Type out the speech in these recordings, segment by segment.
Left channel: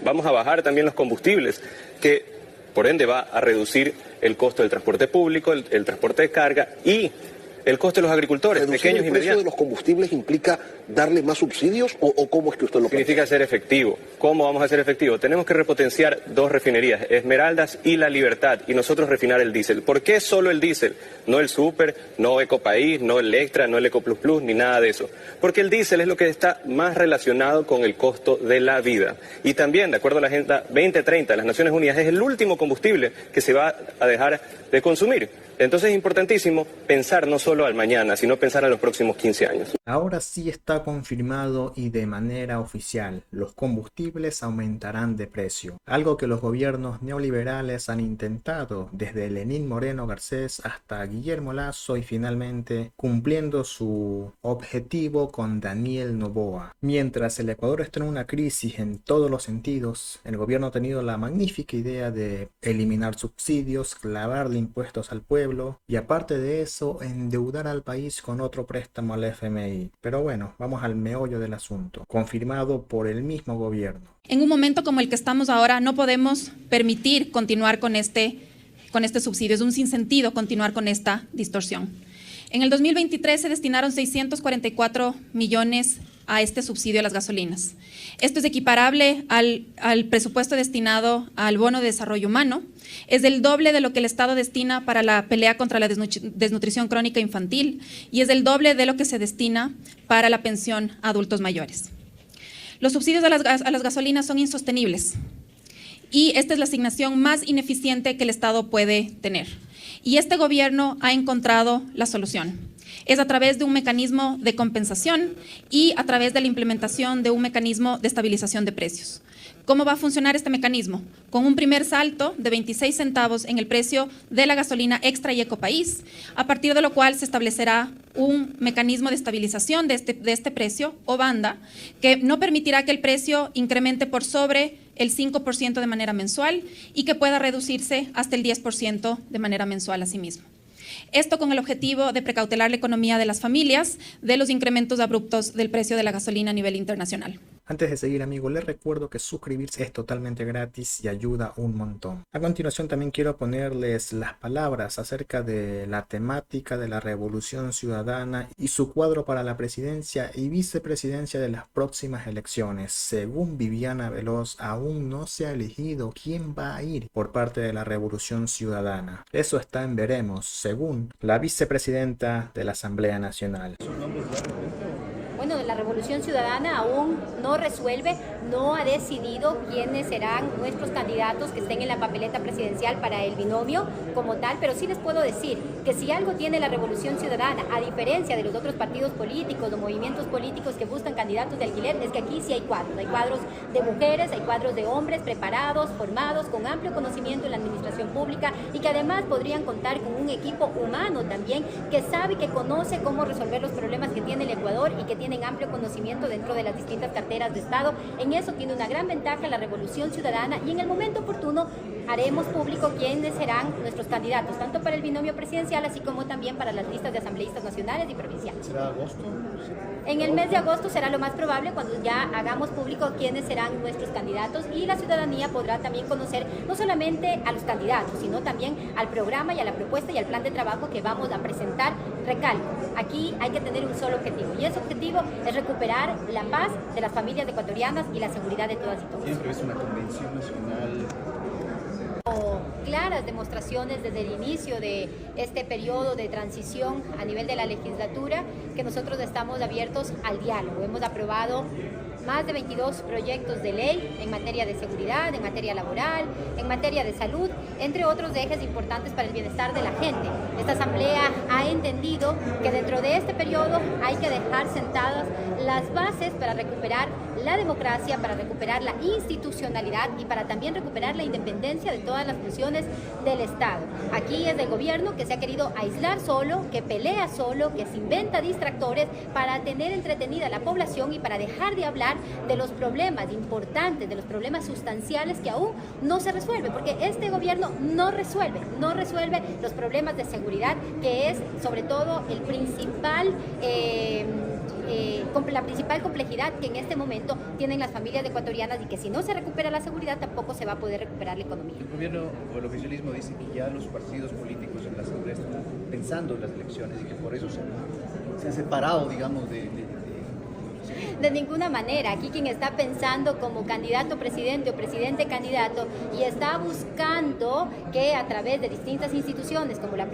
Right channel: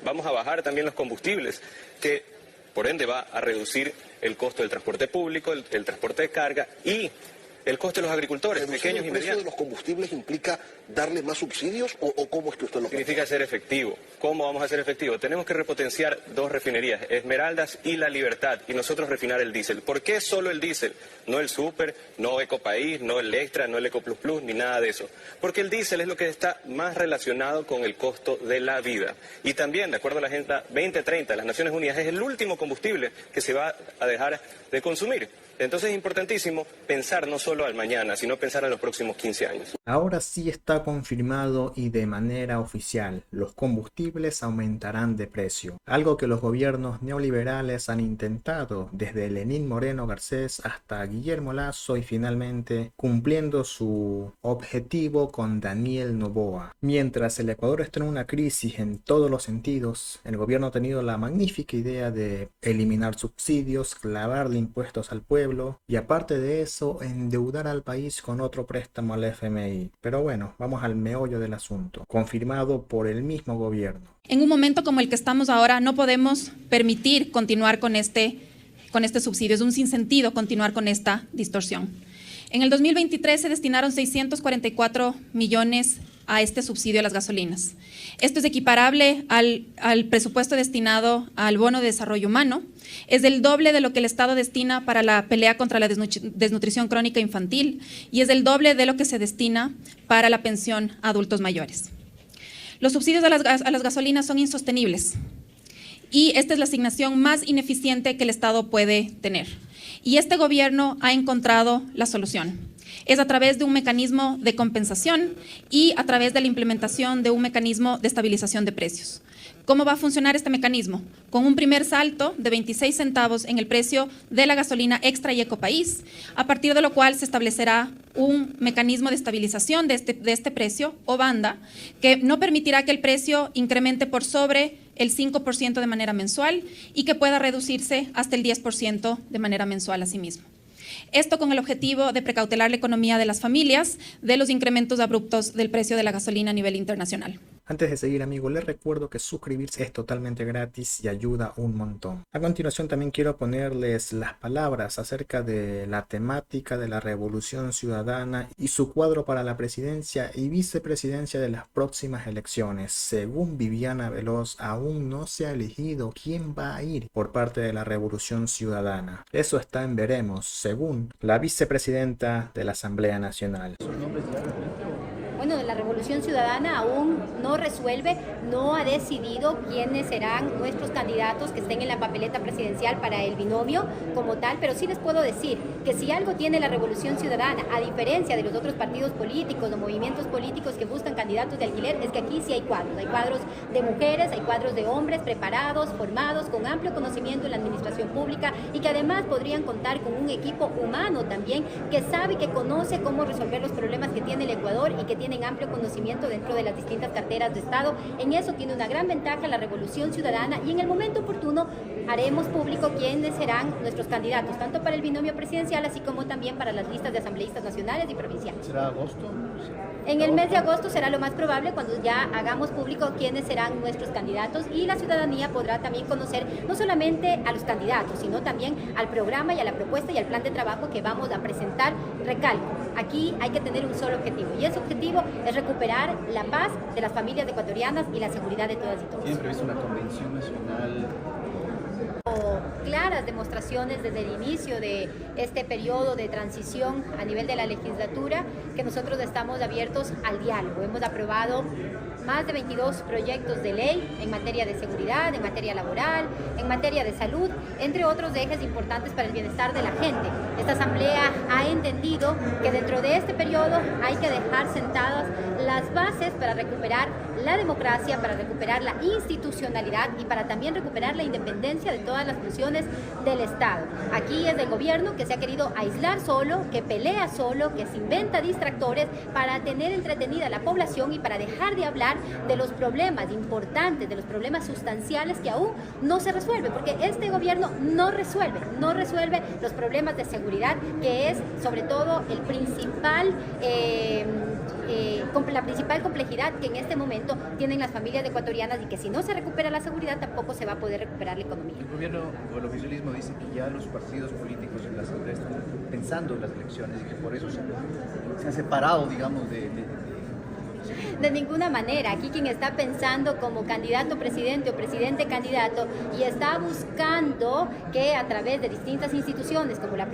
Vamos a bajar también los combustibles, que por ende va a reducir el costo del transporte público, el transporte de carga y el costo de los agricultores. ¿Reducir Pequeños el precio de los combustibles implica darles más subsidios o cómo es que usted lo plantea? Significa ser efectivo. ¿Cómo vamos a ser efectivos? Tenemos que repotenciar dos refinerías, Esmeraldas y La Libertad, y nosotros refinar el diésel. ¿Por qué solo el diésel? No el Super, no Ecopaís, no el Extra, no el Ecoplus Plus, ni nada de eso. Porque el diésel es lo que está más relacionado con el costo de la vida. Y también, de acuerdo a la Agenda 2030 de las Naciones Unidas, es el último combustible que se va a dejar de consumir. Entonces es importantísimo pensar no solo al mañana, sino pensar a los próximos 15 años. Ahora sí está confirmado y de manera oficial, los combustibles aumentarán de precio. Algo que los gobiernos neoliberales han intentado, desde Lenín Moreno Garcés hasta Guillermo Lasso y finalmente cumpliendo su objetivo con Daniel Noboa. Mientras el Ecuador está en una crisis en todos los sentidos, el gobierno ha tenido la magnífica idea de eliminar subsidios, clavarle impuestos al pueblo y aparte de eso endeudar al país con otro préstamo al FMI. Pero bueno, vamos al meollo del asunto, confirmado por el mismo gobierno. En un momento como el que estamos ahora no podemos permitir continuar con este subsidio, es un sinsentido continuar con esta distorsión. En el 2023 se destinaron 644 millones a este subsidio a las gasolinas. Esto es equiparable al presupuesto destinado al bono de desarrollo humano. Es el doble de lo que el Estado destina para la pelea contra la desnutrición crónica infantil y es el doble de lo que se destina para la pensión a adultos mayores. Los subsidios a las gasolinas son insostenibles y esta es la asignación más ineficiente que el Estado puede tener. Y este gobierno ha encontrado la solución. Es a través de un mecanismo de compensación y a través de la implementación de un mecanismo de estabilización de precios. ¿Cómo va a funcionar este mecanismo? Con un primer salto de 26 centavos en el precio de la gasolina Extra y Ecopaís, a partir de lo cual se establecerá un mecanismo de estabilización de este precio o banda que no permitirá que el precio incremente por sobre el 5% de manera mensual y que pueda reducirse hasta el 10% de manera mensual asimismo. Esto con el objetivo de precautelar la economía de las familias de los incrementos abruptos del precio de la gasolina a nivel internacional. Antes de seguir, amigos, les recuerdo que suscribirse es totalmente gratis y ayuda un montón. A continuación también quiero ponerles las palabras acerca de la temática de la Revolución Ciudadana y su cuadro para la presidencia y vicepresidencia de las próximas elecciones. Según Viviana Veloz, aún no se ha elegido quién va a ir por parte de la Revolución Ciudadana. Eso está en veremos, según la vicepresidenta de la Asamblea Nacional. Bueno, la Revolución Ciudadana aún no resuelve, no ha decidido quiénes serán nuestros candidatos que estén en la papeleta presidencial para el binomio como tal, pero sí les puedo decir que si algo tiene la Revolución Ciudadana, a diferencia de los otros partidos políticos o movimientos políticos que buscan candidatos de alquiler, es que aquí sí hay cuadros de mujeres, hay cuadros de hombres preparados, formados, con amplio conocimiento en la administración pública y que además podrían contar con un equipo humano también que sabe, que conoce cómo resolver los problemas que tiene el Ecuador y que tienen amplio conocimiento dentro de las distintas carteras de Estado. En eso tiene una gran ventaja la Revolución Ciudadana y en el momento oportuno haremos público quiénes serán nuestros candidatos, tanto para el binomio presidencial así como también para las listas de asambleístas nacionales y provinciales. ¿Será agosto? En el mes de agosto será lo más probable cuando ya hagamos público quiénes serán nuestros candidatos y la ciudadanía podrá también conocer no solamente a los candidatos, sino también al programa y a la propuesta y al plan de trabajo que vamos a presentar. Recalco, aquí hay que tener un solo objetivo y ese objetivo es recuperar la paz de las familias ecuatorianas y la seguridad de todas y todos. ¿Piensa que es una convención nacional? Claras demostraciones desde el inicio de este periodo de transición a nivel de la legislatura que nosotros estamos abiertos al diálogo. Hemos aprobado más de 22 proyectos de ley en materia de seguridad, en materia laboral, en materia de salud, entre otros ejes importantes para el bienestar de la gente. Esta asamblea ha entendido que dentro de este periodo hay que dejar sentadas las bases para recuperar la democracia, para recuperar la institucionalidad y para también recuperar la independencia de todas las funciones del Estado. Aquí es el gobierno que se ha querido aislar solo, que pelea solo, que se inventa distractores para tener entretenida a la población y para dejar de hablar de los problemas importantes, de los problemas sustanciales que aún no se resuelven, porque este gobierno no resuelve los problemas de seguridad, que es sobre todo el principal la principal complejidad que en este momento tienen las familias ecuatorianas y que si no se recupera la seguridad tampoco se va a poder recuperar la economía. El gobierno o el oficialismo dice que ya los partidos políticos en la Asamblea están pensando en las elecciones y que por eso se ha separado, digamos, De ninguna manera. Aquí quien está pensando como candidato presidente o presidente candidato y está buscando que a través de distintas instituciones como la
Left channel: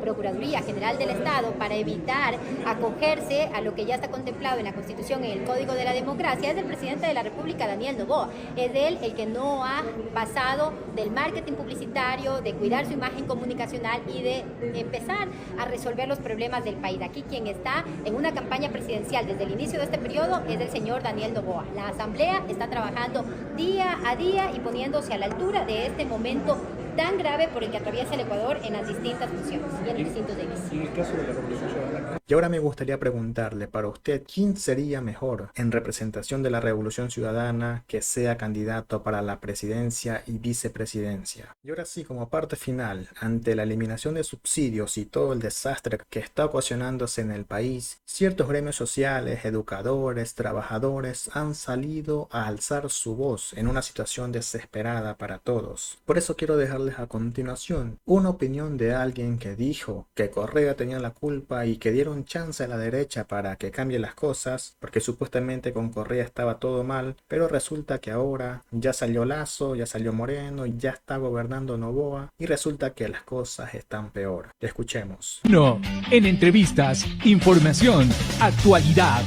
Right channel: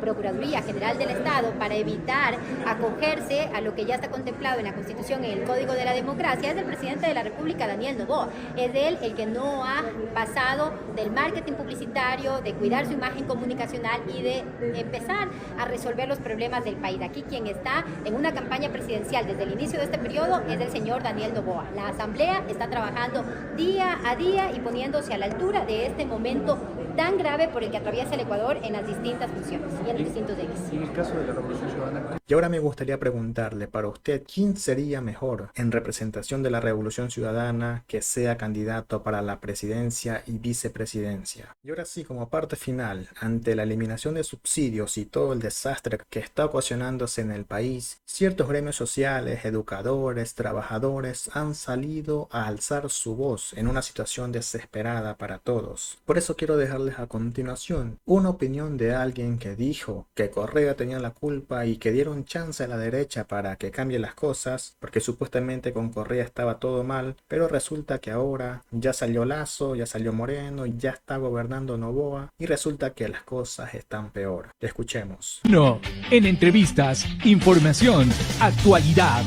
Procuraduría General del Estado, para evitar acogerse a lo que ya está contemplado en la Constitución y en el Código de la Democracia, es el presidente de la República, Daniel Noboa. Es él el que no ha pasado del marketing publicitario, de cuidar su imagen comunicacional y de empezar a resolver los problemas del país. Aquí quien está en una campaña presidencial desde el inicio de este periodo es el señor Daniel Noboa. La Asamblea está trabajando día a día y poniéndose a la altura de este momento tan grave por el que atraviesa el Ecuador en las distintas funciones y en los distintos ejes. en el caso de la Revolución Ciudadana. Y ahora me gustaría preguntarle, para usted, ¿quién sería mejor en representación de la Revolución Ciudadana que sea candidato para la presidencia y vicepresidencia? Y ahora sí, como parte final, ante la eliminación de subsidios y todo el desastre que está ocasionándose en el país, ciertos gremios sociales, educadores, trabajadores han salido a alzar su voz en una situación desesperada para todos. Por eso quiero dejarles a continuación una opinión de alguien que dijo que Correa tenía la culpa y que dieron chance a la derecha para que cambien las cosas, porque supuestamente con Correa estaba todo mal, pero resulta que ahora ya salió Lasso, ya salió Moreno, ya está gobernando Noboa y resulta que las cosas están peor. Escuchemos. No, en entrevistas, información, actualidad.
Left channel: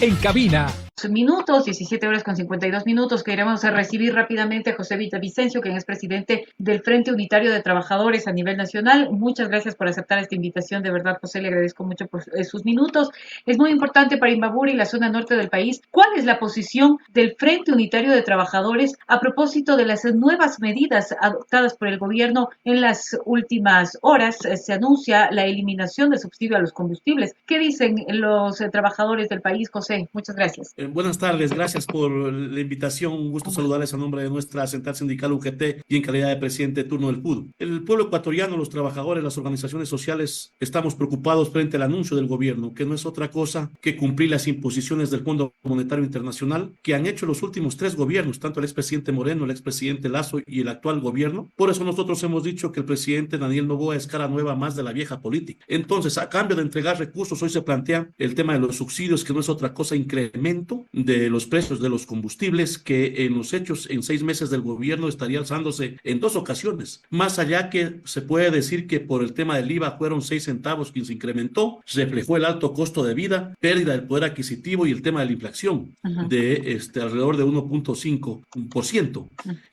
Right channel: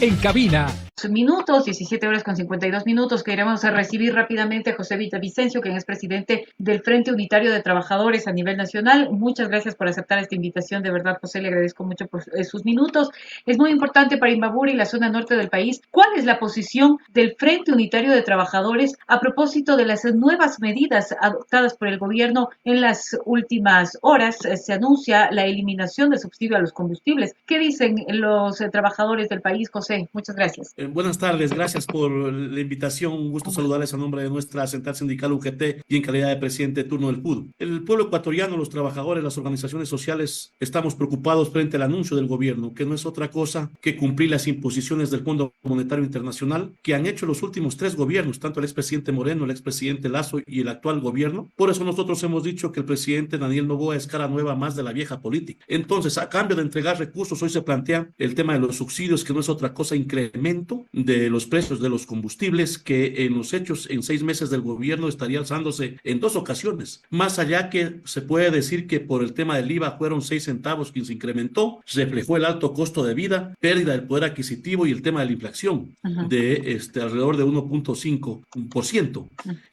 En cabina. Minutos, 17 horas con 52 minutos. Queremos recibir rápidamente a José Villavicencio, quien es presidente del Frente Unitario de Trabajadores a nivel nacional. Muchas gracias por aceptar esta invitación. De verdad, José, le agradezco mucho por sus minutos. Es muy importante para Imbabura y la zona norte del país. ¿Cuál es la posición del Frente Unitario de Trabajadores a propósito de las nuevas medidas adoptadas por el gobierno en las últimas horas? Se anuncia la eliminación del subsidio a los combustibles. ¿Qué dicen los trabajadores del país, José? Muchas gracias. Buenas tardes, gracias por la invitación. Un gusto saludarles a nombre de nuestra central sindical UGT y en calidad de presidente de turno del PUD. El pueblo ecuatoriano, los trabajadores, las organizaciones sociales, estamos preocupados frente al anuncio del gobierno, que no es otra cosa que cumplir las imposiciones del Fondo Monetario Internacional que han hecho los últimos 3 gobiernos, tanto el expresidente Moreno, el expresidente Lasso y el actual gobierno. Por eso nosotros hemos dicho que el presidente Daniel Noboa es cara nueva más de la vieja política. Entonces, a cambio de entregar recursos, hoy se plantea el tema de los subsidios, que no es otra cosa, incremento de los precios de los combustibles, que en los hechos en 6 meses del gobierno estaría alzándose en 2 ocasiones. Más allá que se puede decir que por el tema del IVA fueron 6 centavos quien se incrementó, reflejó el alto costo de vida, pérdida del poder adquisitivo y el tema de la inflación de alrededor de 1.5%.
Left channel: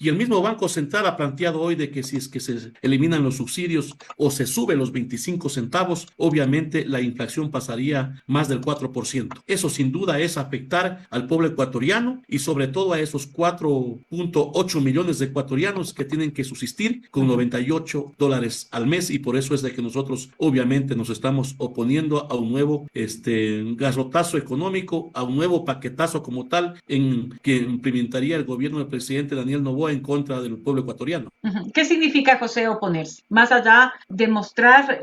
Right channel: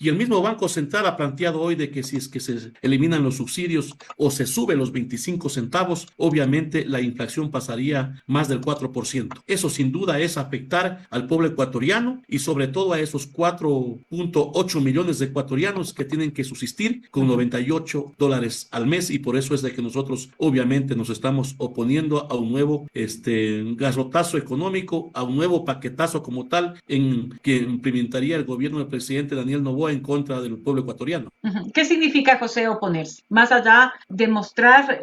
Y el mismo Banco Central ha planteado hoy de que si es que se eliminan los subsidios o se suben los 25 centavos, obviamente la inflación pasaría más del 4%. Eso sin duda es afectar al pueblo ecuatoriano y sobre todo a esos 4.8 millones de ecuatorianos que tienen que subsistir con $98 al mes, y por eso es de que nosotros obviamente nos estamos oponiendo a un nuevo garrotazo económico, a un nuevo paquetazo como tal que implementaría el gobierno del presidente Daniel Noboa en contra del pueblo ecuatoriano. ¿Qué significa, José, oponerse? Más allá de mostrar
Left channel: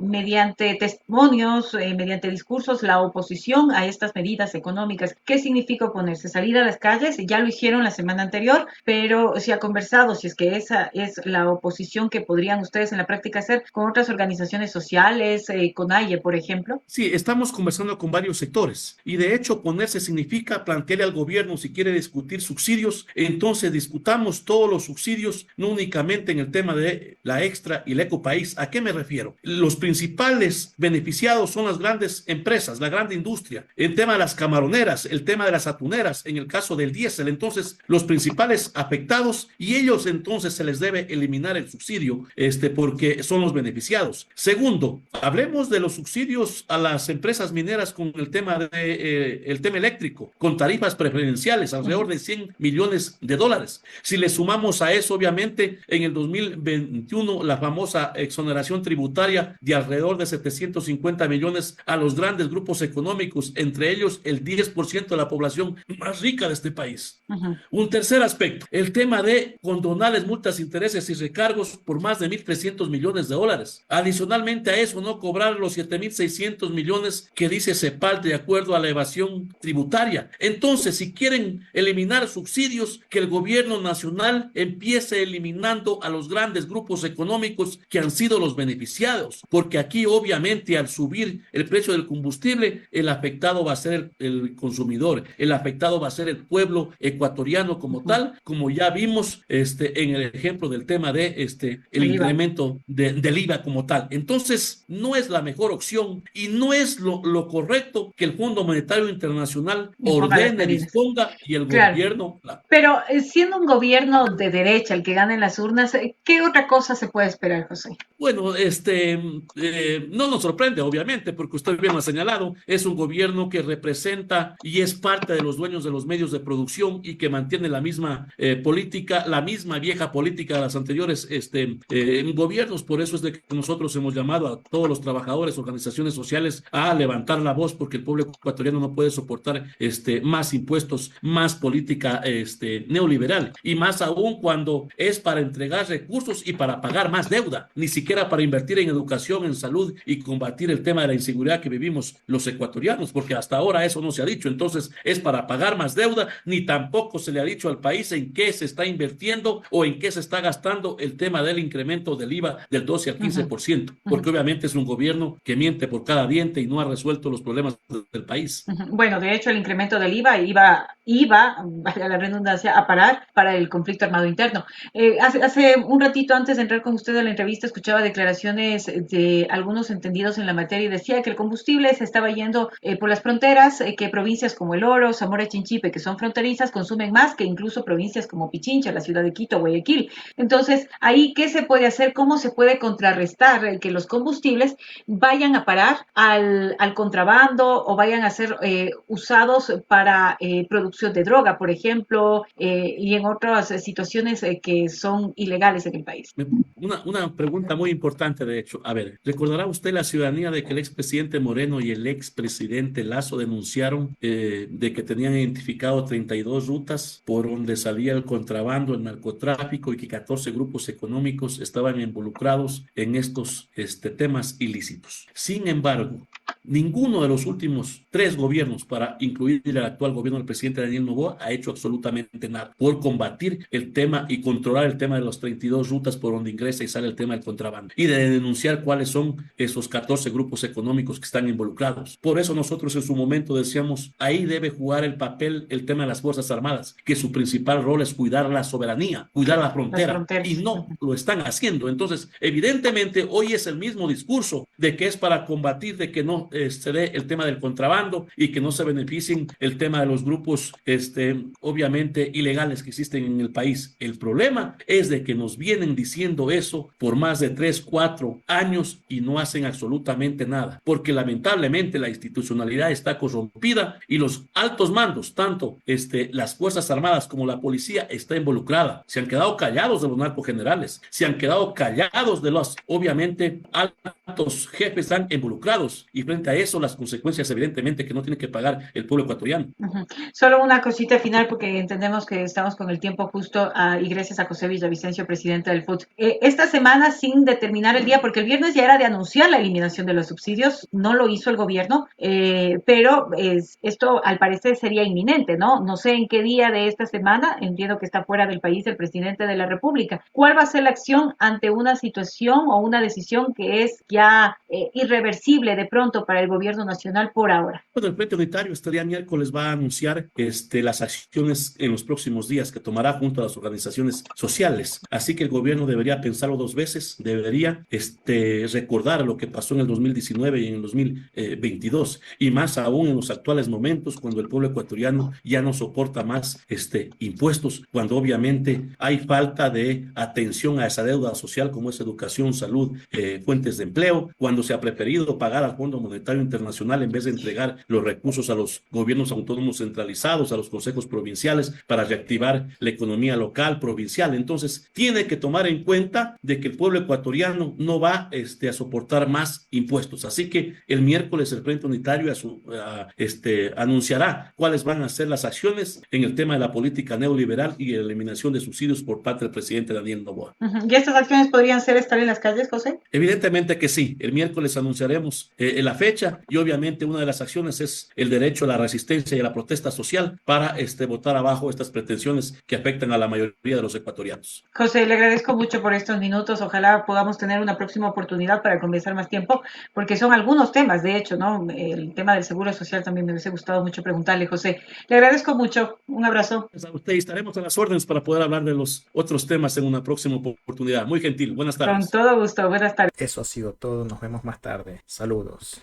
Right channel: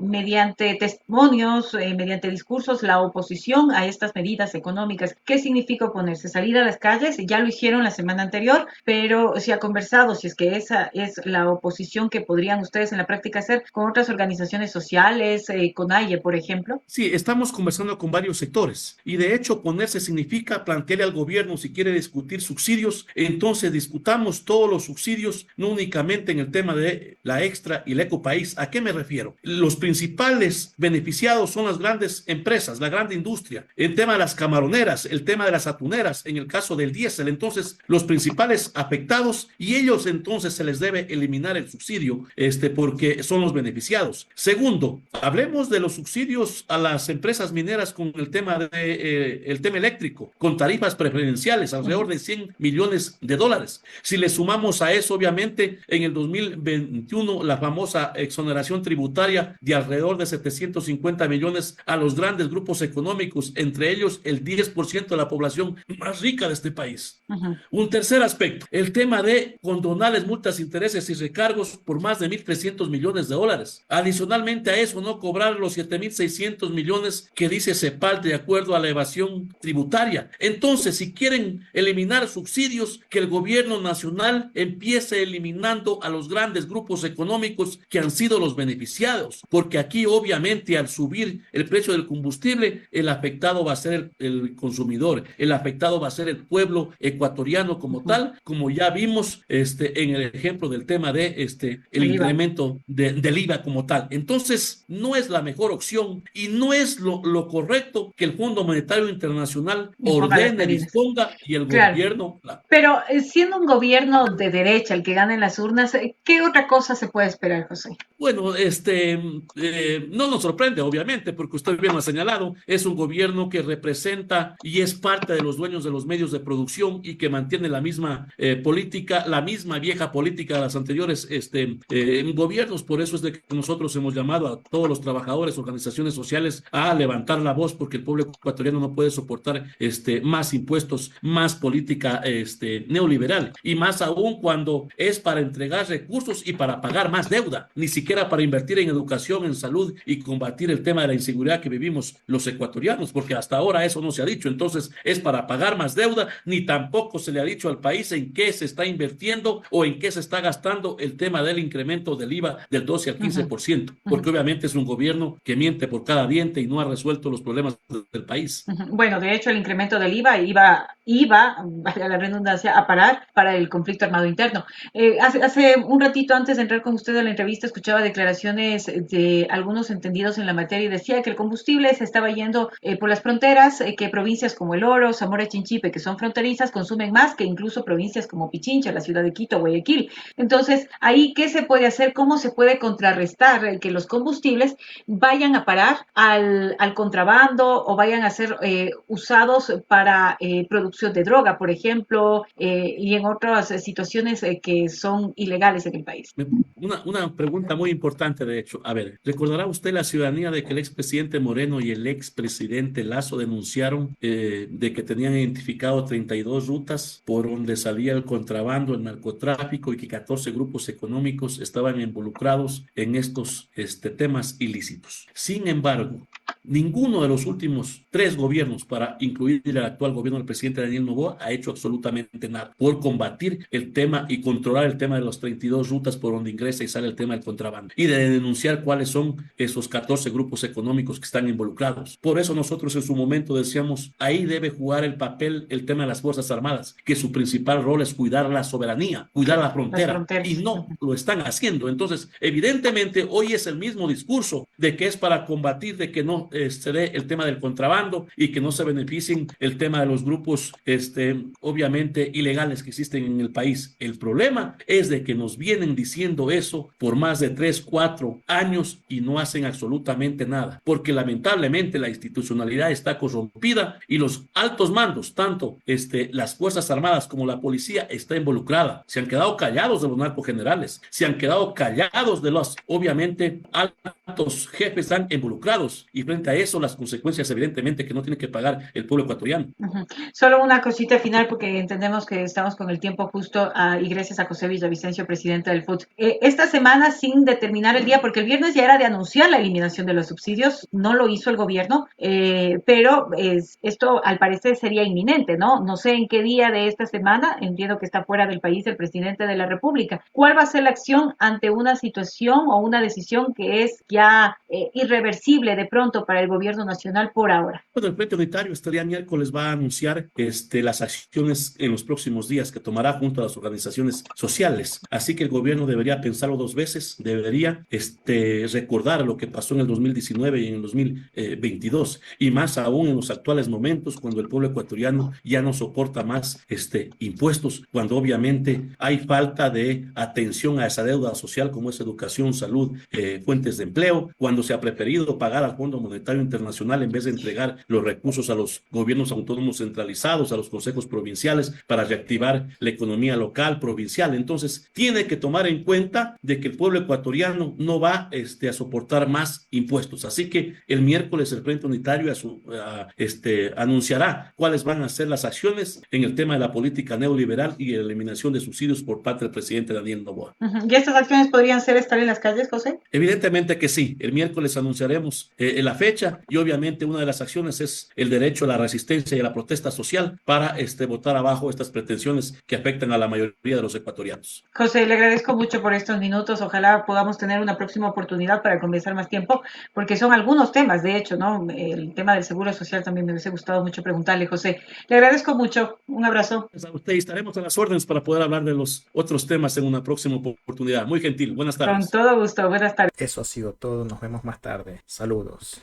mediante testimonios, mediante discursos, la oposición a estas medidas económicas. ¿Qué significa oponerse? Salir a las calles, ya lo hicieron la semana anterior, pero se ha conversado si es que esa es la oposición que podrían ustedes en la práctica hacer con otras organizaciones sociales, con AIE, por ejemplo. Sí, estamos conversando con varios sectores y de hecho oponerse significa plantearle al gobierno si quiere discutir subsidios, entonces discutamos todos los subsidios, no únicamente en el tema de la Extra y la Ecopaís. ¿A qué me refiero? Los principales beneficiados son las grandes empresas, la gran industria, el tema de las camaroneras, el tema de las atuneras, en el caso del diésel. Entonces, los principales afectados, y ellos entonces se les debe eliminar el subsidio, porque son los beneficiados. Segundo, hablemos de los subsidios a las empresas mineras con el tema eléctrico. con tarifas preferenciales, alrededor de 100 millones de dólares. Si le sumamos a eso, obviamente, en el 2021, la famosa exoneración tributaria de alrededor de 750 millones a los grandes grupos económicos, entre ellos el 10% de la población más rica de este país. Un tercer aspecto, el tema de condonales, multas, intereses y recargos por más de 1.300 millones de dólares. Adicionalmente a eso, no cobrar los 7.600 millones que dice CEPAL de acuerdo a la evasión tributaria. Entonces, si quieren eliminar subsidios, que el gobierno nacional empiece eliminando a los grandes grupos económicos que han sido los beneficiados, porque aquí obviamente al subir el precio del combustible, el afectado va a ser el consumidor, el afectado va a ser el pueblo ecuatoriano como tal, como ya vimos en el ejemplo del tema de el incremento del IVA como tal. Entonces, no es la mejor opción y no es lo correcto que el Fondo Monetario Internacional ordene, disponga y el gobierno... Pero siendo un gobierno de derecha el que gane en las urnas, ¿qué otra cosa se puede esperar, José? Bueno, no nos sorprende, obviamente, porque usted bien lo ha señalado, es un gobierno que representa y es parte de los dueños de los medios de producción y que mantiene la misma política, la misma vieja política de los anteriores gobiernos. Por eso es de que nosotros hemos llamado a todos los trabajadores, organizaciones sociales a levantar la voz, porque el pueblo ecuatoriano no puede soportar más impuestos, más política neoliberal, y más aún cuando es para entregar recursos y para pagar más deuda, ni siquiera para invertir en educación, en salud y combatir el tema de la inseguridad que vivimos los ecuatorianos, porque hasta ahora eso no se ha dicho. Entonces es para pagar más deuda, ni tampoco se le ha dicho al país en qué se está invirtiendo o en qué se está gastando el tema del incremento del IVA del 12 al 15%, porque obviamente es un gobierno que miente por cada diente y no ha resuelto los problemas del país. Bueno, de hecho el incremento del IVA iba, valga la redundancia, a parar para el conflicto armado interno. Hace un ratito antes de entrar con usted a la entrevista, escuchaba declaraciones de algunos entendidos en la materia y decía que el combustible se estaba yendo por las fronteras, que provincias como El Oro, Zamora, Chinchipe, que son fronterizas, consumen más que incluso provincias como Pichincha, la ciudad de Quito, Guayaquil. Entonces, ahí, ¿qué se puede hacer? ¿Cómo se puede contrarrestar el que los combustibles vayan a parar al contrabando o vayan a ser usados para producción de droga, por ejemplo, y en otras situaciones que son ilegales en el país? Una pregunta muy importante, de hecho. A ver, ¿recordará usted la ciudadanía de que el expresidente Moreno y el expresidente Lazo denunciaron de que tenían identificado 32 rutas por donde salía el contrabando, el narcotráfico, y que 14 grupos económicos estaban involucrados en estos temas ilícitos? Sin embargo, ninguno de los últimos 3 gobiernos, para incluir el actual gobierno del presidente Daniel Noboa, ha hecho absolutamente nada por combatir el tema y controlar el tema de las 32 rutas por donde ingresa y sale el tema del contrabando, y de denunciar cuáles son esos 14 grupos económicos que están involucrados. Por eso nosotros en su momento decíamos, ahí debe jugar el papel el tema de las Fuerzas Armadas, que su principal rol es cuidar la soberanía, cuidar la frontera, y no lo están haciendo. Entonces, evidentemente, hoy es el mismo discurso de que es para combatir, de que no se dé el tema del contrabando y que no se beneficien el tema de los grupos obviamente ilegales que existen en el país. El problema es de que nos vienen diciendo eso por más de 3, 4 años y no hacen absolutamente nada, porque lamentablemente la institucionalidad está corrompida y los altos mandos, tanto las Fuerzas Armadas como la policía, está involucrada. Se han quedado callados de los narcogenerales, se han quedado callados de los, obviamente, altos jefes están involucrados, y frente a eso las consecuencias evidentemente que no tiene que pagar el pueblo ecuatoriano. Solo una cosita final, porque entendemos que estamos con el tiempo justo, y gracias a José Villavicencio, presidente del FUT. Esta semana, sin determinar el día, porque el viernes ya era de anunciar la eliminación de los subsidios, no lo hizo el gobierno, pero esto al parecer sería inminente, ¿no? No sé en qué día de esta semana, entiendo que está fuera del país el presidente de la República. ¿Cuál va a ser la acción ante una situación o una decisión que es ya irreversible de pronto para el gobierno nacional por ahora? Bueno, el Frente Unitario este día miércoles va a anunciar las acciones en los próximos días que tomará junto a las organizaciones sociales. Así que el gobierno debería pensarlo 2 veces, debería recordar lo que pasó en el 2019 y en el 2022, y más aún en los actuales momentos, cuando el pueblo ecuatoriano ya no soporta más impuestos, cuando obviamente hay falta de atención a esa deuda social como es educación, salud, fuentes de empleo, cuando se ha preferido pagar al Fondo Monetario Internacional en vez entregar los recursos a los gobiernos autónomos centralizados, a los consejos provinciales, para reactivar la economía local, provincial. Entonces, tiene que tomar en cuenta de que el pueblo ecuatoriano no va a soportar más impuestos. Así que el miércoles el Frente Unitario anunciará cuáles van a ser las acciones en el tema de la política neoliberal y la eliminación de subsidios por parte del presidente Daniel Noboa. ¿Y estas acciones podrían ser estar en las calles, José? Evidentemente que sí. El miércoles anunciaremos la fecha y obviamente una de las acciones es el derecho a la resistencia y a la protesta social para botar abajo estas pretensiones que afectan a la mayoría de los ecuatorianos. José, le agradezco mucho por estos minutos. Ojalá podamos tener una próxima oportunidad para conversar más tiempo, porque son algunos temas, de hecho, ¿no? El tema del seguro social también me hubiese gustado mucho preguntarle, José. Le agradezco mucho. Un abrazo. Estaremos en las órdenes para poder hablar de los otros temas en una próxima oportunidad. Muy gentil. Buenas tardes. Con todo gusto. Buenas tardes. Eso ha sido todo. Nos vemos más tarde. Saludos.